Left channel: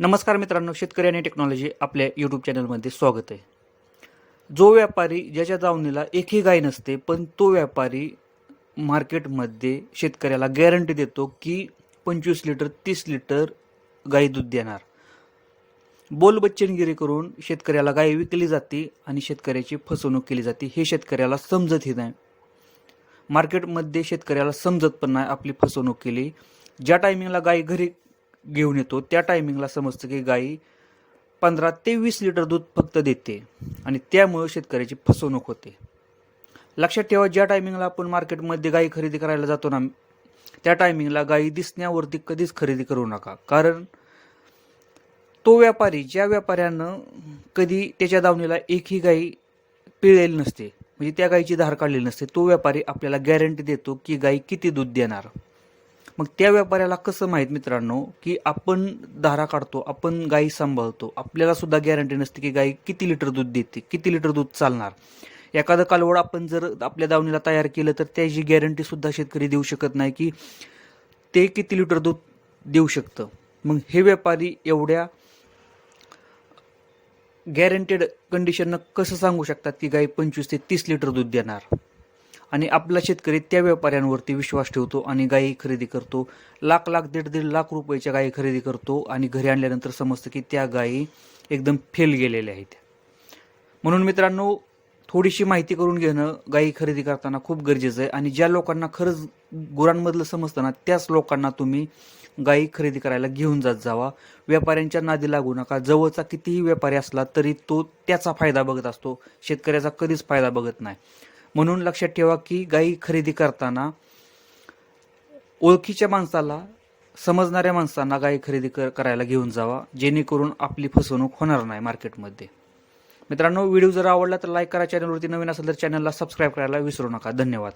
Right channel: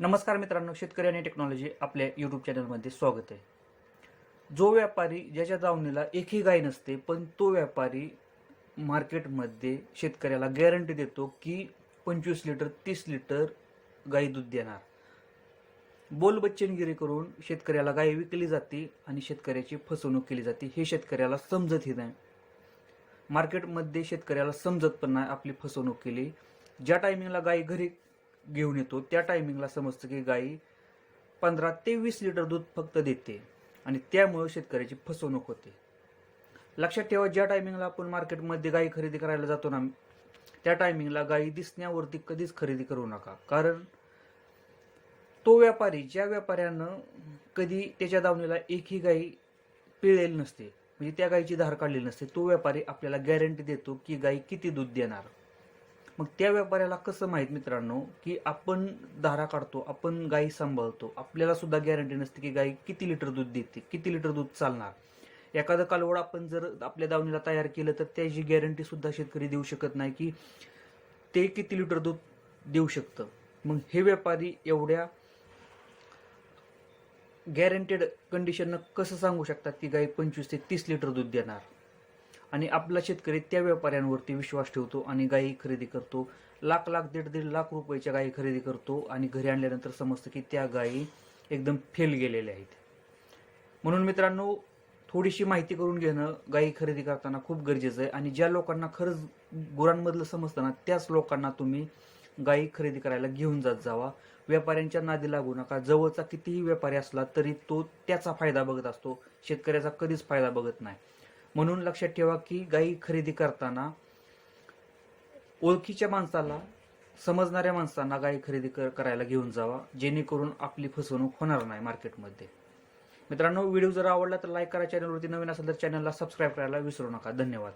नमस्कार मित्रांनो शेतकरी आणि टेक्नॉलॉजी आपल्या यूट्यूब चॅनलमध्ये स्वागत आहे. जो व्यापारी ज्याच्या दावणीला एकही गाय नसते पण तो व्यापारी मार्केटमध्ये शेतकऱ्याला गॅरंटी देतो की पंचवीस लिटर तीस लिटर गाई दूध देणार. बोल बच्चनगिरी करून शेतकऱ्याला गाय विकली जाते आणि शेतकऱ्याची फसवणूक केली जाते हे शेतकऱ्याला समजतही नाही. मार्केटमध्ये शेतकऱ्याला समजत पण नाही आपली फसवणूक केली. ज्या टायमिंगला गाय घरी घेऊन येतो. त्या टायमिंगला समजतं की गाई पंधरा ते वीस लिटर दूध फक्त देते आणि त्यामुळे शेतकऱ्याची फसवणूक होते. लक्षात ठेवा ज्या टायमिंगला आपण मार्केटमध्ये गाई खरेदी करायला जातो ना त्या टायमिंगला गाई दिसण्यावरती कधीच खरेदी करू नका. कारण तो व्यापारी ज्या व्यापाऱ्यानं कधी त्याच्या दावणीला एकही गाई पिळलेली नसते म्हणजे त्या गाईची धार काढलेली नसते तो व्यापारी आपल्याला गॅरंटी देतो की गाई किती दूध देणार. मग त्या व्यापाऱ्याला कसं माहीत मित्रांनो की आपण धारा काढतो आपण गाई सांभाळतो आपल्याला सुद्धा गॅरंटी नसते की गाई किती लिटर दूध देते किती लिटर दूध चालणार. एखादं कालवड आपण जर आपल्या दावणीला तयार केलं तर त्याची गॅरंटी सुद्धा शेतकरी देऊ शकत नाही की ते किती लिटर दूध देऊ शकतं. मग हे व्यापारी एवढ्या गॅरंटेड कंडिशननं कसं सांगू शकतात की गाई पंचवीस ते तीस लिटर दूध देणार? आणि आपला शेतकरी त्या व्यापाऱ्यांवरती विश्वास ठेवतो आणि गायी खरेदी करतो. लाख लाख दीड दीड लाख रुपयाच्या गायी खरेदी करतो आणि घरी आणल्यानंतर समजतं की त्या गायी एकदम फेल गेलेल्या आहेत. म्हणून मित्रांनो थोडीशी माहिती करून घेणं गायी खरेदी करताना खूप गरजेचं आहे आणि ज्या लोकांना खरंच गुरांमधलं समजतं ना त्याच लोकांना तुम्ही गायी खरेदी करायला घेऊन जात जावा. व्यापाऱ्यांच्या नादी लागू नका. जवळचा कितीही व्यापारी असला तरी तो त्याचा फायदा बघत असतो. शेतकऱ्याचा कधीच फायदा बघत नाही. म्हणून लक्षात ठेवा की गायी खरेदी करताना ओळखीच्या माणसाला समजणाऱ्या माणसांना गायी खरेदी कर करायला घेऊन जावा जेणेकरून आपली फसवणूक होणार नाही मार्केटमध्ये. मित्रांनो व्हिडिओ जर आवडला तर लाईक करा चॅनलवरती नवीन असेल तर चॅनलला सबस्क्राईब करायला विसरू नका. धन्यवाद.